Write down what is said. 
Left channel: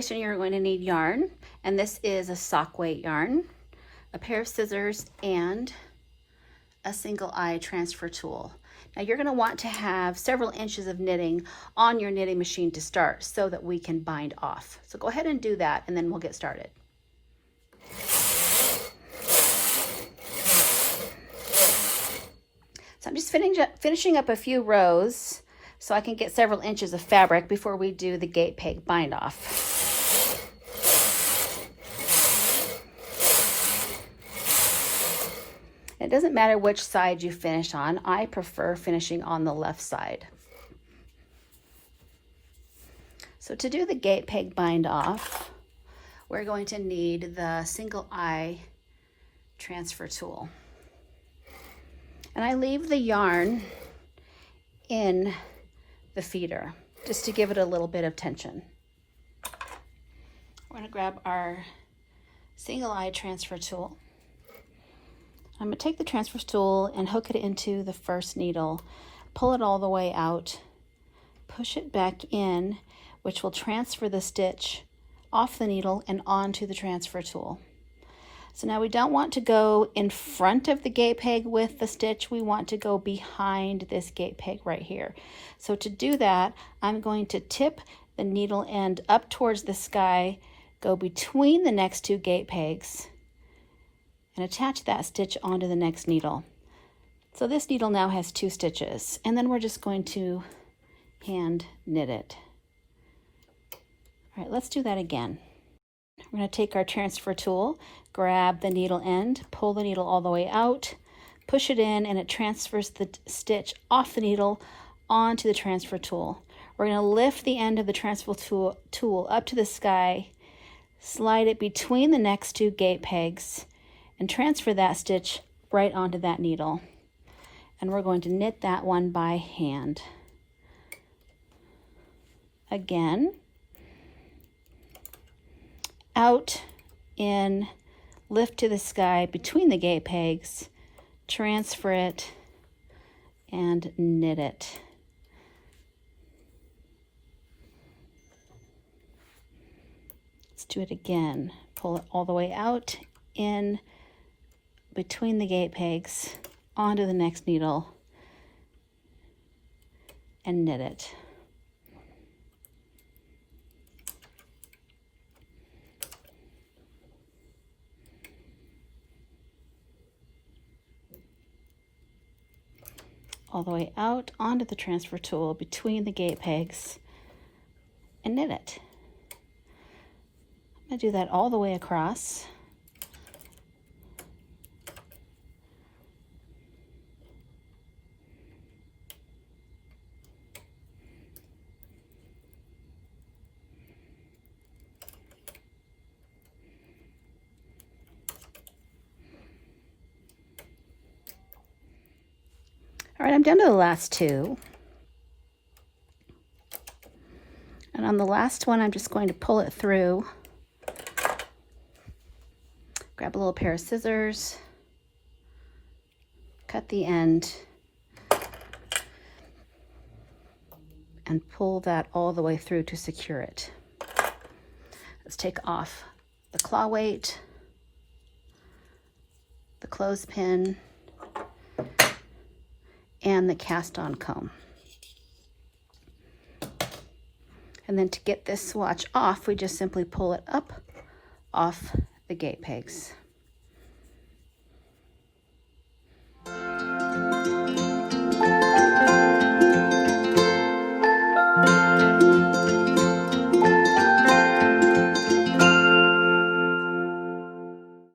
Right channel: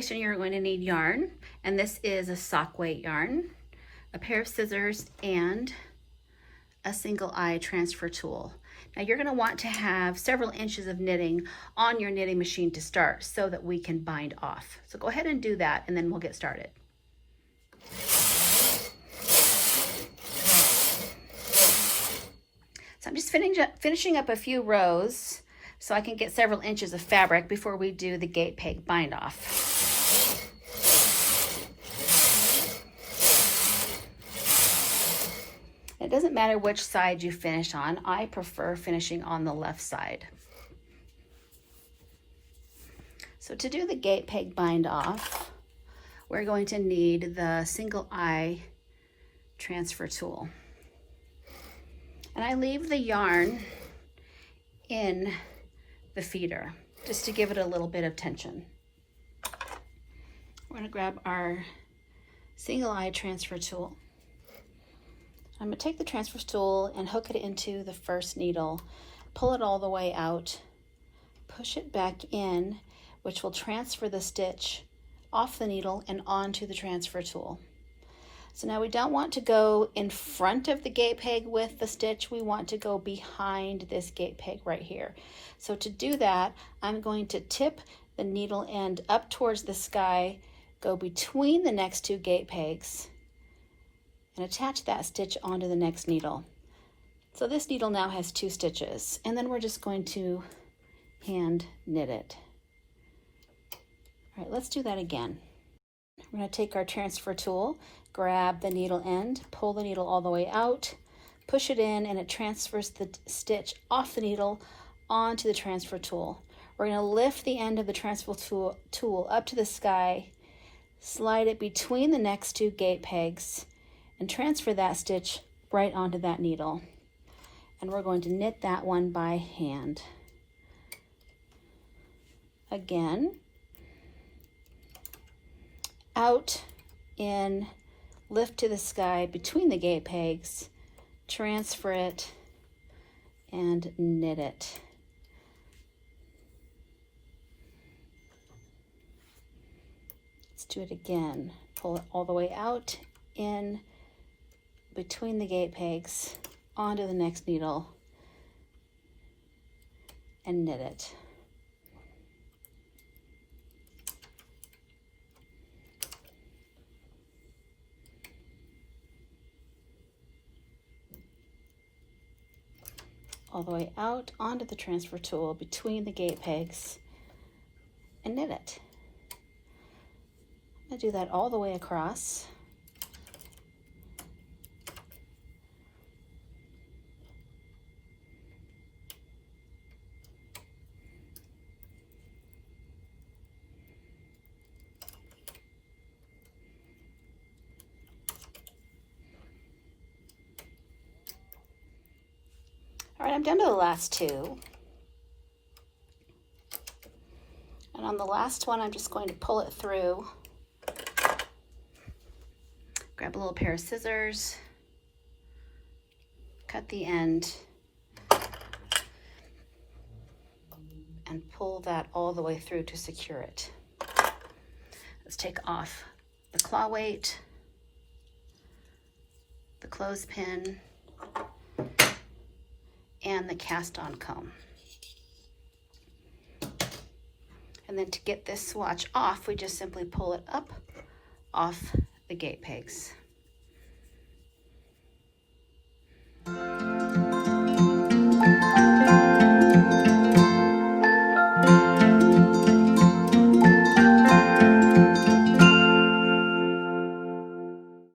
preparation, you're going to need yarn, and this is a sock weight yarn, a pair of scissors, and a single eye transfer tool. Now you're going to want to have several inches of knitting on your knitting machine to start so that we can bind off. So go ahead and do that, and then we'll get started. So I'm just finishing up a few rows so I can get several inches of fabric before we do the gate peg bind off. It doesn't matter which side you finish on. I prefer finishing on the left side. So to do the gate peg bind off, we're going to need the single eye transfer tool. And I leave the yarn in the feeder just to give it a little bit of tension. We're going to grab our single eye transfer tool. I'm going to take the transfer tool and hook it into the first needle, pull it all the way out, push it back in, which will transfer the stitch off the needle and onto the transfer tool. So now we don't want to go in front of the gate peg with the stitch, we want to go behind this gate peg right here. So to do that, I'm going to tip the needle end up towards the sky, go between the next two gate pegs, and attach that stitch onto the next needle. So this needle now has 2 stitches, and then we're just going to hand knit it. All right, let's do that again. We're going to take our transfer tool, grab the needle end, pull the needle all the way out, push it in, and it transfers the stitch off the needle onto the transfer tool. We're going to lift the end of the transfer tool up to the sky, slide it between the next 2 gate pegs, and transfer that stitch right onto that needle. And we're going to knit that one by hand. Again, out, in, lift to the sky between the gate pegs, transfer it, and knit it. Let's do it again. Pull it all the way out, in, between the gate pegs, onto the next needle, and knit it. All the way out onto the transfer tool between the gate pegs, and knit it. I'm going to do that all the way across. All right, I'm down to the last 2. And on the last one, I'm just going to pull it through. Grab a little pair of scissors, cut the end, and pull that all the way through to secure it. Let's take off the claw weight, the clothespin, and the cast-on comb. And then to get this swatch off, we just simply pull it up off the gate pegs.